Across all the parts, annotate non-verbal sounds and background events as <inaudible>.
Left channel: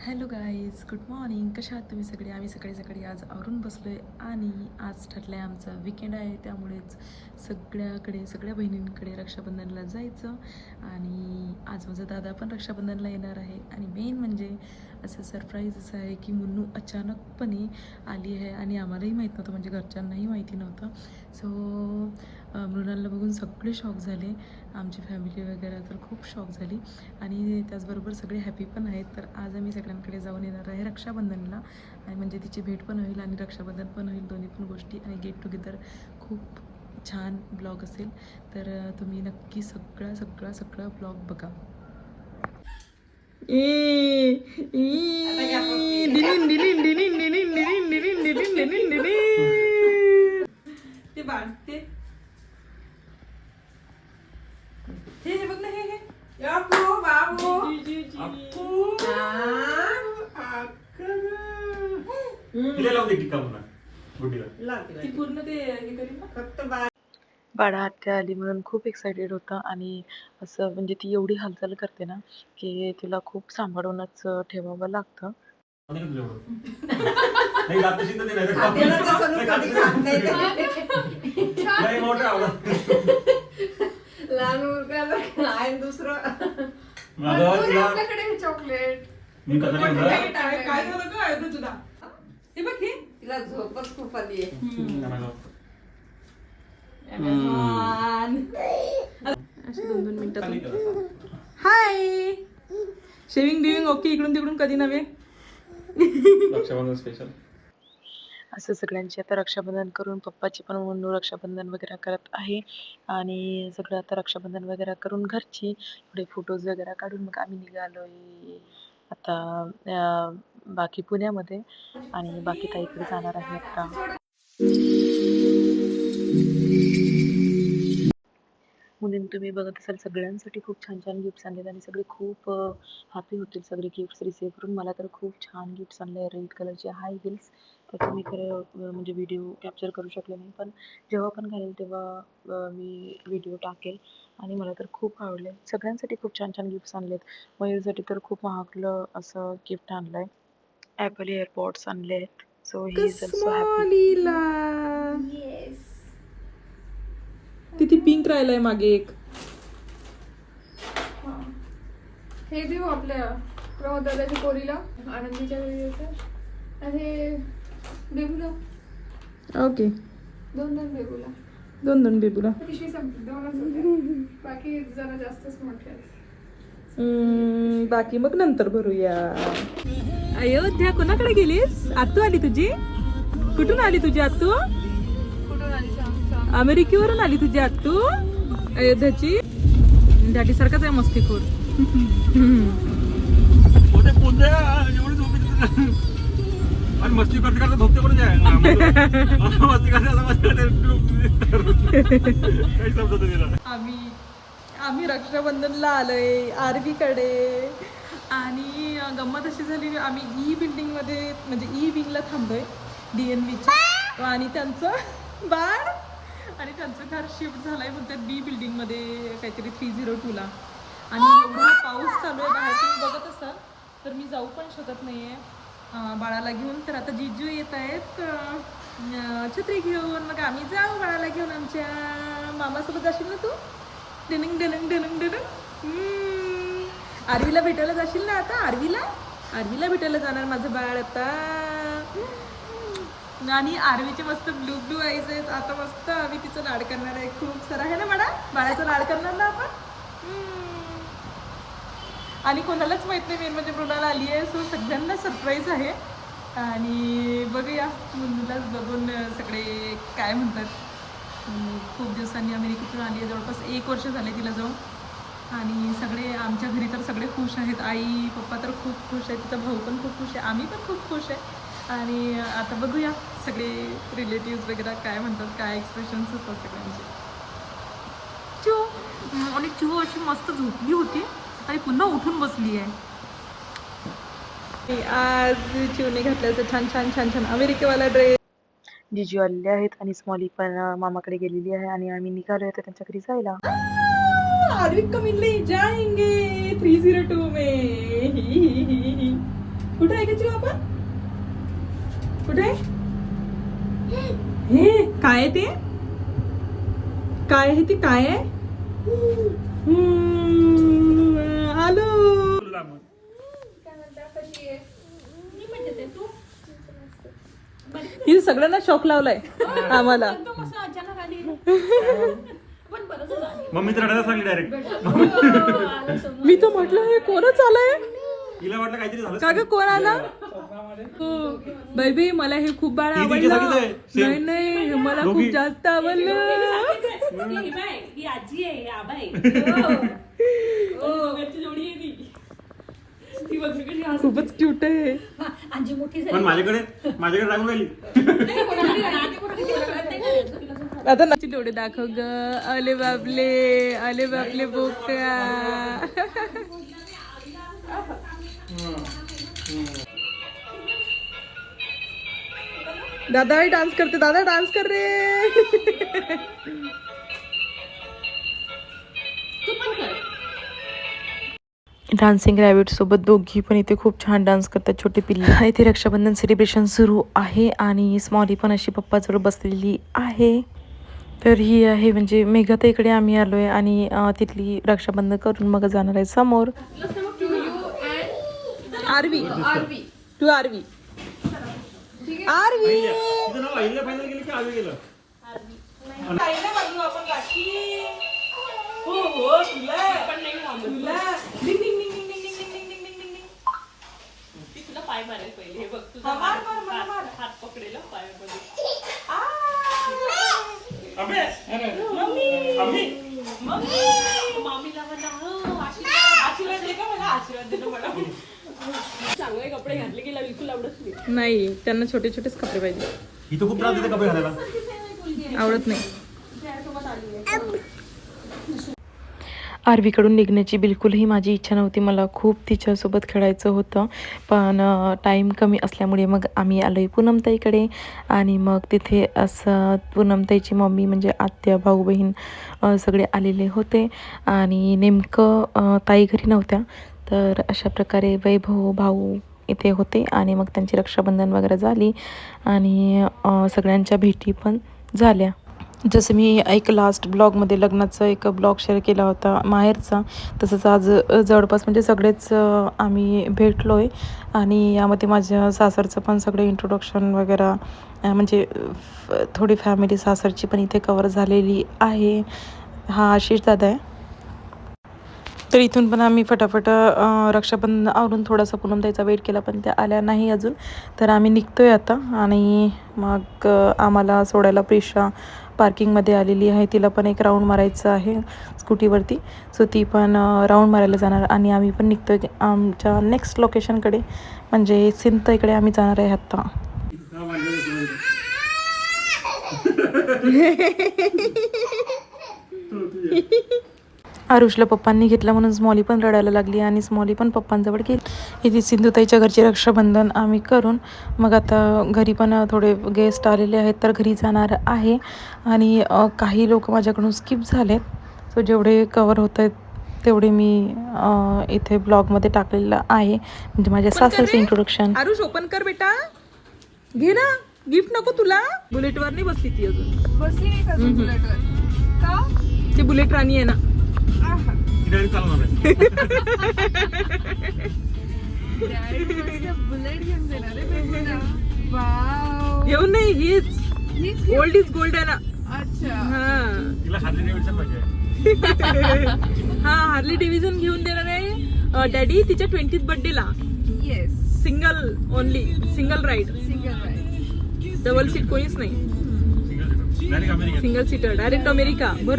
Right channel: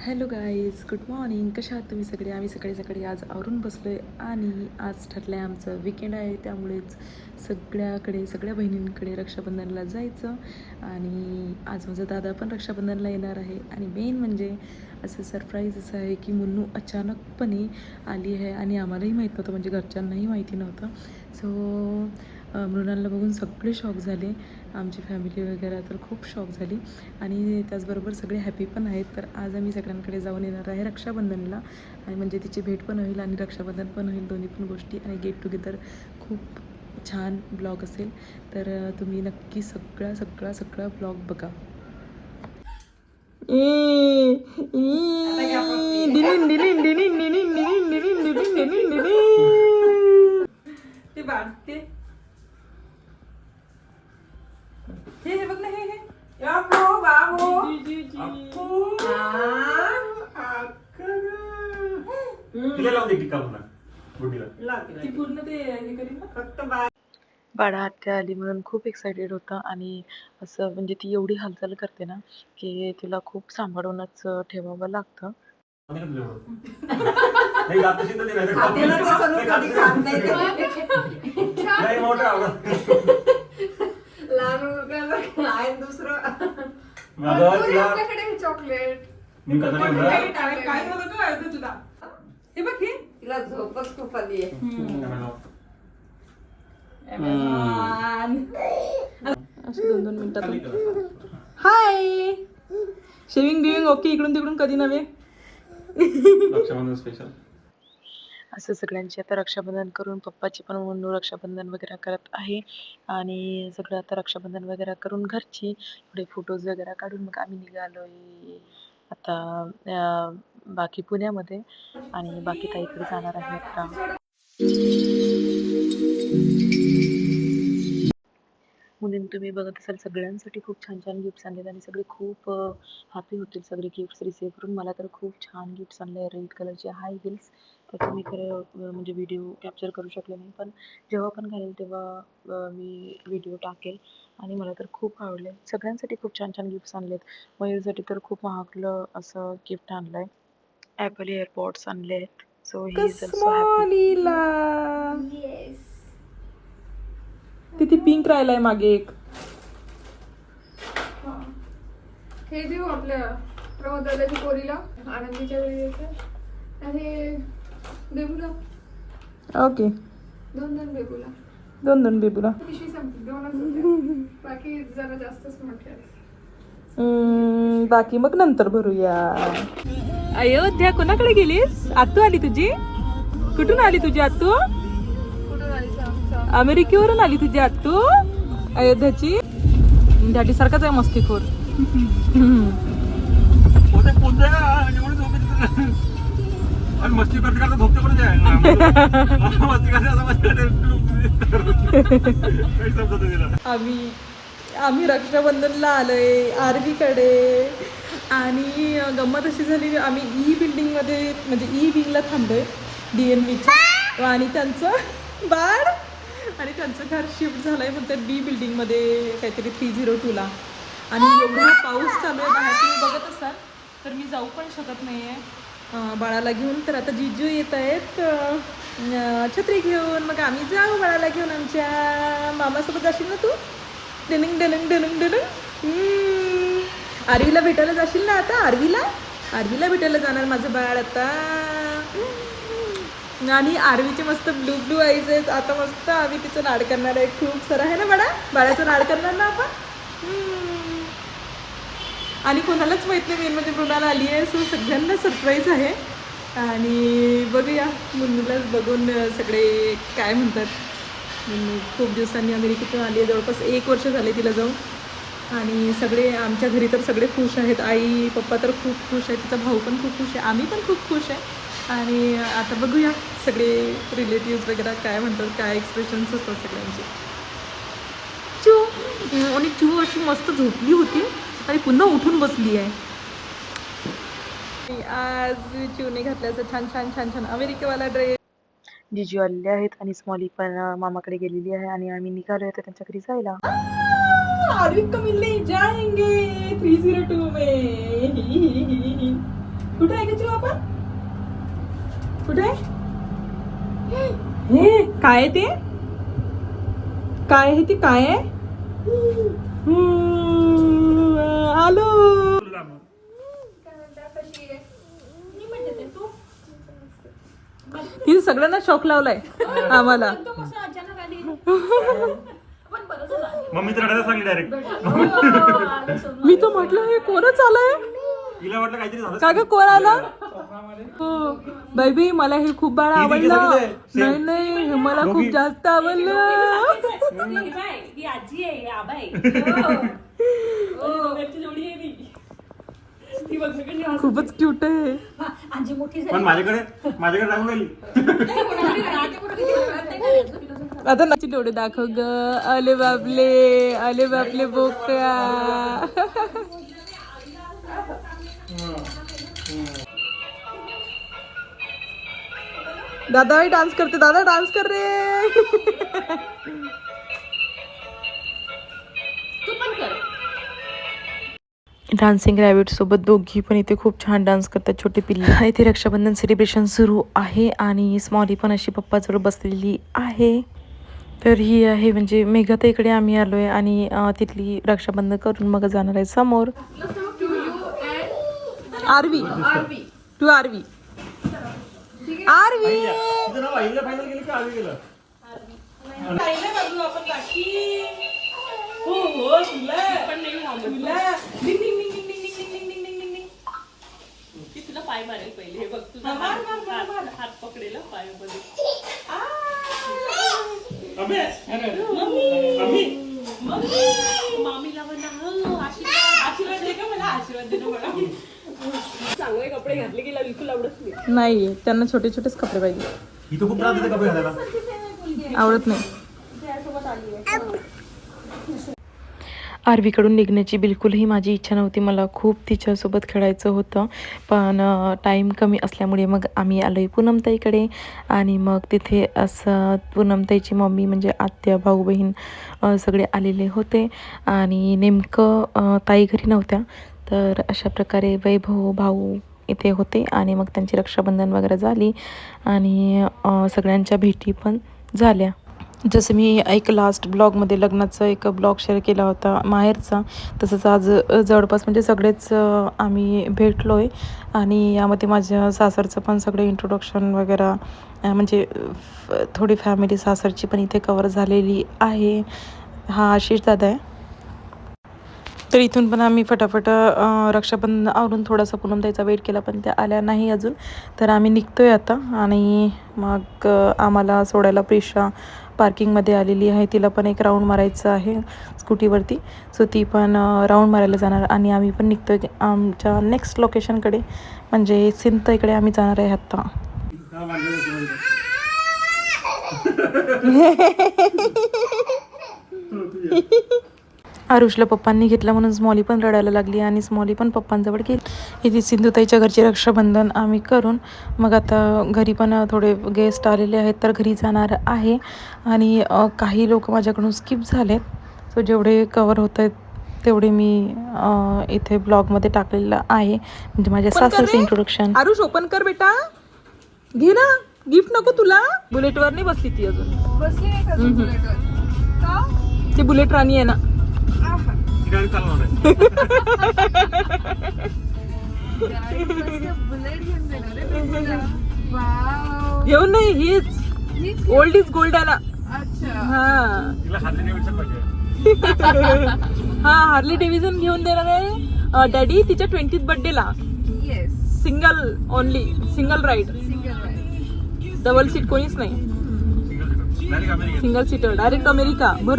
Hello guys good morning. कशा आहात तुम्ही सगळे? आम्ही सकाळी सकाळी आज आवरून बसलो आहे आणि आज ठरलं आहे आमचं विकेंड आहे त्यामुळेच सगळ्याकडे सगळ्या बहिणींकडे रक्षाबंधनला जायचं आणि आज माझा दादा पण रक्षाबंधनला येणार आहे. आणि मेन म्हणजे असं सरप्राईज असं आहे की मुन्नू अचानकपणे आली आहे आणि आम्हालाही माहीत नव्हतं म्हणजे घरच्यांनाही माहिती नव्हतं. सो मृणालला बघून सगळे शॉक झाले. आमची फॅमिली वगैरे तर खूप शॉक झाली. आणि त्याचबरोबर सगळे हॅपी पण आहेत. तर आज आम्ही सगळ्यांकडे जाऊन येणार आहे रक्षाबंधनला. आणि म्हणजे तिची भेट पण होईल आणि रक्षाबंधन पण होईल दोन्ही पण गोष्टी. आणि गेट टुगेदर खूप छान ब्लॉग असेल. तर तुम्ही नक्की सगळा सगळा सगळा ब्लॉग बघा. ते बाळ ते. हे हे बघ ना हे हे. जी, जी. तिला लावते टिक्का पुन्हा गुड्डीला. ती पूर्ण ते हे करीन ना. फक्त बा बाळा आत्या आली म्हणून खूप एक्सायटेड होतं आणि असं म्हणजे ती एवढी हालचाल करते ना की तिला खूप सांभाळूनच ठेवावं लागतं. लहान मुलगा आहे दुसरं. चॉकलेट मी काय झालं का ऐकू तुला. हे बघ हे. तिला झोपच खूप आली आहे. दोन दोन मिनिटात. हाय शेविंग बिविंग ओके इकडून तिकडून कधी नव्हे? रक्षाबंधन स्पेशल असं सगळ्यांची आता रक्षाबंधन करून पप्पाची पण म्हणून रक्षाबंधन वगैरे करत आहे. आणि सगळं आता रक्षाबंधन वगैरे करून घरची थोडे फोटोज वगैरे काढून मग आम्ही निघालोय. आता बाकी पुण्यामध्ये आणि बाकी ताईकडे जाणार आहे आता. तुम्ही बघत असाल सगळ्यांसाठी खूप छान छान गिफ्ट्स आणलेत आणि सगळे खूप हॅपी होतील सगळे गिफ्ट्स रिसीव्ह करून. मला तर खूप छान गिफ्ट्स आणले रेड कलरचे हाय हिल्स तर तुम्ही खरं म्हणजे व्हिडिओ कॅप्चर करू शकले नाही. पण जेव्हा पण घालेल तेव्हा मी व्हिडिओ टाकेल आणि मला तर खूप आवडले. सगळ्यांसाठी खूप छान छान गिफ्ट्स आणलेत. मयूरसाठी तर खूप महागलं असं गिफ्ट आणलं आहे ॲपल एअरपॉड्स आणले आहेत. So he is also happy तिथे पिंक राहिलाय मागे एक. हे देऊ आपल्या प्रमोदवल्याची पोरीला आनंदीच्या वेळी. आणि हे बेबूला. ओके. दोन दोन बेबूला. दोन दोन बेबूला. बाकी जरा जास्तच हम्म, बाकी मग नंतर भरूया. अयोध्या कोणाकडे गेलीस? आतू आली तुझी? कुठून आली तुझी आतू अमेरिकेवरून आली तुझी आतू अयोध्याची? दाटी सारखाच आहे मस्तीखोर. पोते पोते एवढे झोपेत आणि मस्ती करते करता झोपते पण आहे मस्ती करते असं मस्ती करते आम्ही आम्ही रक्षाबंधनला आलोय आरवीकडे. आणि गंमत अशी झाली आम्ही ई बिल्डिंगमध्ये म्हणजे ई विंगला थांबलोय डी एन बीच्या आणि त्यांचं बाळ आणि त्यांचं घर शिफ्ट झालंय म्हणतात बी बिल्डिंगमध्ये काहीतरी थ्री झिरो टूला आणि एवढा पाऊस चालू आहे बघत असाल. तर मी जाऊ पण शकत नाही आहे बाळाला घेऊन. तर आता जिजू येत आहेत. छत्री घेऊन. मग आम्ही जाऊ बाळाला घेऊन आमच्या मामासोबत. जाशील ना तू? डलिंग डलिंग डलिंग डलिंग. आरवीला भेटायला जाशील ना आता? आरवीला? आरवीला भेटायला जाणार माझं बाळ आता. आणि आरवीचे मस्त ब्लू ब्लू आईज आहेत. आता मस्त आम्ही तिचं लाड करणार आहे. खूप सर. आहे ना बाळा? बाळाचं लाड करणार ना आपण? आणि कोणालाच माहीत नाही मेन म्हणजे मृणाला आली आहे सो सगळ्यांना सरप्राईज आहे. आणि बघूया मुन्नूलाच बघून सगळे काय म्हणतात. खूप दिवसांनी अमेरिकेतून आली आहे जवळपास एक वर्ष झाले तिला जाऊन. आणि सगळे आमच्या घरी तर सगळे खुश आहेत. आई पप्पा तर खूप खुश आहेत. तिचा भाऊ पण खूप खुश आहे. आम्ही पण खूप खुश आहे. आणि आता बघूया सगळे रिलेटिव्ह वगैरे काय म्हणतात काय एक्सप्रेशन्स असतात सगळ्यांचे. चू आणि चू अशी मस्त झोपली होती. आणि पुन्हा उठून बसली आहे. आज चिवने घातल्याचं छान छान छान छान अमेरिकेवाला ड्रेस जिजू आलेले आहेत आणि स्मॉली पण मामाकडे गेलेली आहे आणि आम्ही निघालो आहे त्यांच्या घरी जायला. आरवी को मिलने जाएंगे थ्री टू में. कुठे? हे काय आहे ते? काय आहे ते काय आहे? हम्म, आलो. तिने सगळ्यांना शॉक लावलाय आम्हाला मम्मी तर रडायला सांगली डायरेक्ट मी तर म्हटलं हे कोणच आलंय तिला वाटलं काहीतरी झालं. का ग कोण आला? हो. बाई मला हे खूप बाळ ही आवडलं. आहे. नाही. नाही हे मला खूप दोघी. जास्त आवडलं. हो. खूपच क्यूट आहे. पण माझ्याकडे माझ्याकडे राहू गेली आता नाची डोळे दाखव ग. अले बापले अले बापले बोकड्या. दादा डान्स करते दादा डान्स कर रे. डान्सिंग रॅबिट सोबत दोघी पण इथे खूप छान डान्स करतात छोटे पिल्ले. <laughs> इथे रक्षाबंधन सेलिब्रेशन सुरू आहे आणि स्मॉली पण अशी पप्पाजवळ बसलेली आहे. तर ही आहे म्हणजे मेघाताईकडे आम्ही आलो आहे आणि तिथली रक्षाबंधन करून मग जाणार आहे समोर. आरवी. आरवी. टू आरवी आरवी. पाय मारे पहिले. बघ तुझा कपडे घातले बिलकुल नाही. त्यांना छोटे छोटेच कपडे पाहिजे. कपडे आवडत नाही. आरवीकडून निघण्याची बिलकुलही माझी इच्छा नव्हती. मला खूप तिच्यासोबत खेळायचं होतं. पण टाईम कमी असल्यामुळे मग आम्ही आलो आहे पूनमताईकडे. आणि मग तिथे असं पूनमताईची मम्मी म्हणजे आत्या भाऊ बहीण सगळे आलेले होते. आणि नेमकं ताई घरी नव्हत्या. तर अशा प्रकारे वैभव भाऊ इथे होते. आणि मग त्यांची रक्षाबंधन वगैरे झाली. आणि सगळ्यांच्या भेटी पण झाल्या. जसं मी एक लास्ट ब्लॉगमध्ये लग्नाचा एक ब्लॉग शेअर केला होता माहेरचा. तसंच आज जवळपास म्हणजे सगळेच आम्ही भेटलो आहे आणि यामध्ये माझ्या सासरचं पण सगळे इंट्रोडक्शन वगैरे म्हणजे फ- थोडी फॅमिली सासरची पण इथे कवर झालेली आहे. हा आशिष दादा आहे. तर इथून पण आम्ही फटाफट रक्षाबंधन आवरून थोडासा पूनमताईचा वेट केला पण त्या आल्या नाही अजून. तर आम्ही निघतोय आता आणि मग आम्हाला सोडायला प्रिशा पार्किंगमध्ये आलेली आहे. तिला पण एक राऊंड मारायचं आहे स्कूटीवरती. सो ती पण राऊंड मारायला जाणार आणि आम्ही पण निघतोय आमच्या नेक्स्ट लोकेशनकडे म्हणजे सिंत इकडे आम्ही जाणार आहे आत्ता <laughs> <laughs> आरुषला पप्पांनी घेतला म्हणून स्मॉली पण रडायला लागली आणि स्मॉली पण पप्पांजवळ गेली. इथे सिंधुताईच्या घरचे रक्षाबंधन आम्ही करून मग आता घरी पण थोडे गेस्ट आलेले आहेत तर घरी जाणार आहे. आणि काही लोक माझ्याकडून स्किप झालेत. सो जेवढे कवर होत आहेत तेवढे मी इथे ब्लॉगमध्ये टाकलेलं आहे. म्हणजे माझ्या सासरचं इंट्रोडक्शन आरुष ओपन कर बेटा. घे ना. गिफ्ट नको तुला. बुलेटवर नाही बसली ती अजून. बसली नाही का अजून बुलेटवर का? ती बुलेट राणी आहे ना. येऊन आहे. नाही हीच. ओल्ड इज गोल्ड आला. हा. <laughs> हा हार्ली डिव्हिजन घेऊन देणार आहे. डॅडी तिच्या ट्वेंटी बर्थडे ला. Single only single ride double seat कोणीच नाही. सिंगल सीटर डायरेक्ट अमेरिका बर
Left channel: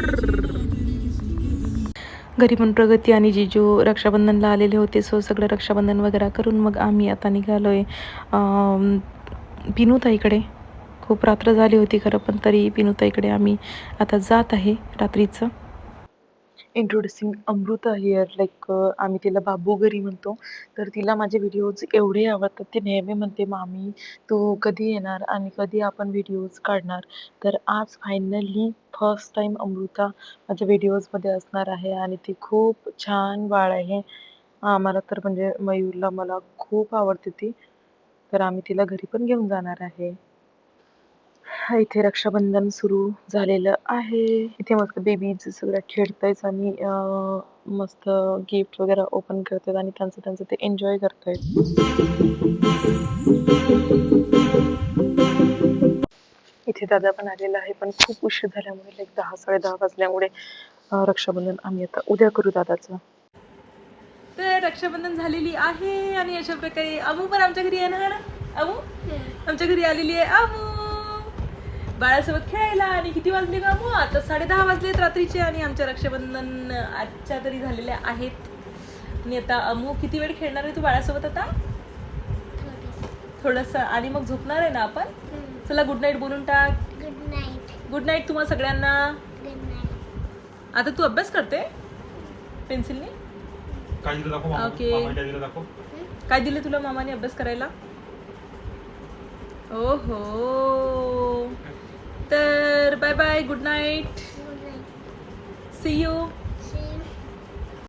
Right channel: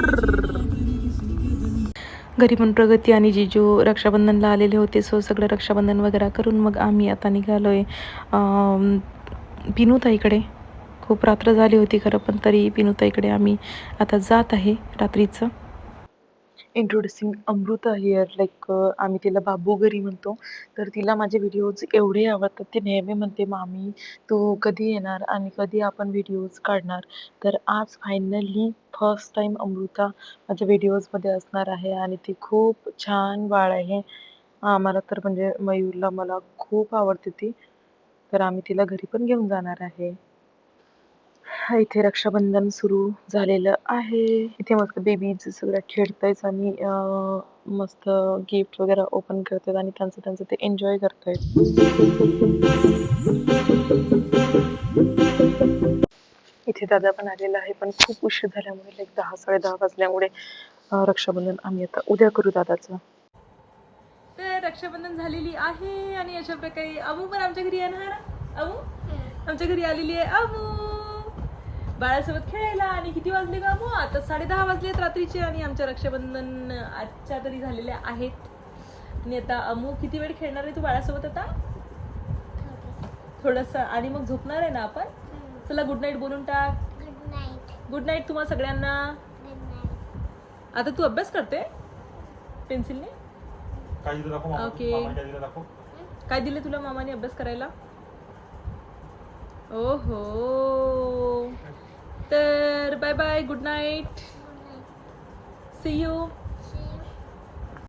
घरी पण प्रगती आणि जिजू रक्षाबंधनला आलेले होते सो सगळं रक्षाबंधन वगैरे करून मग आम्ही आता निघालो आहे पिनूताईकडे. खूप रात्र झाली होती खरं पण तरी पिनूताईकडे आम्ही आता जात आहे रात्रीचं. इंट्रोड्युसिंग अमृता हिअर लाईक आम्ही तिला बाबू घरी म्हणतो. तर तिला माझे व्हिडिओज एवढे आवडतात. ती नेहमी म्हणते मामी तू कधी येणार आणि कधी आपण व्हिडिओज काढणार? तर आज फायनली फर्स्ट टाईम अमृता माझ्या व्हिडिओजमध्ये असणार आहे आणि ती खूप छान बाळ आहे. आम्हाला तर म्हणजे मयूरला मला खूप आवडते ती. तर आम्ही तिला घरी पण घेऊन जाणार आहे. इथे रक्षाबंधन सुरू झालेलं आहे. इथे मस्त बेबीज सगळ्या खेळतायत आणि अं, मस्त गिफ्ट वगैरे ओपन करतात आणि त्यांचं त्यांचं ते एन्जॉय करतायत इथे दादा पण आलेला आहे. पण खूप उशीर झाल्यामुळे लाईक दहा साडे दहा वाजल्यामुळे रक्षाबंधन आम्ही आता उद्या करू दादाचं. तर रक्षाबंधन झालेली आहे. आणि अशा प्रकारे अमू पण आमच्या घरी येणार. अमू? आमच्या घरी आलेली आहे. अमू! बाळासोबत खेळायला आणि किती वाजले ना अमू आता साडे दहा वाजलेत रात्रीचे आणि आमच्या रक्षाबंधन आजच्या तरी झालेल्या आहेत. आणि आता अमू किती वेळ खेळणार आहे तू बाळासोबत आता? थोडस आणि मग झोपणार आहे ना आपण? चला गुड नाईट बोलून टाक. गुड नाईट गुड नाईट तुम्हा सगळ्यांना. गुड नाईट आता तू अभ्यास करते? पेन्सिलने. ओके. काय दिलं दाखव. काय दिले तुला मामाने अभ्यास करायला? ओहो. Bye bye. Good night. Good night. See you.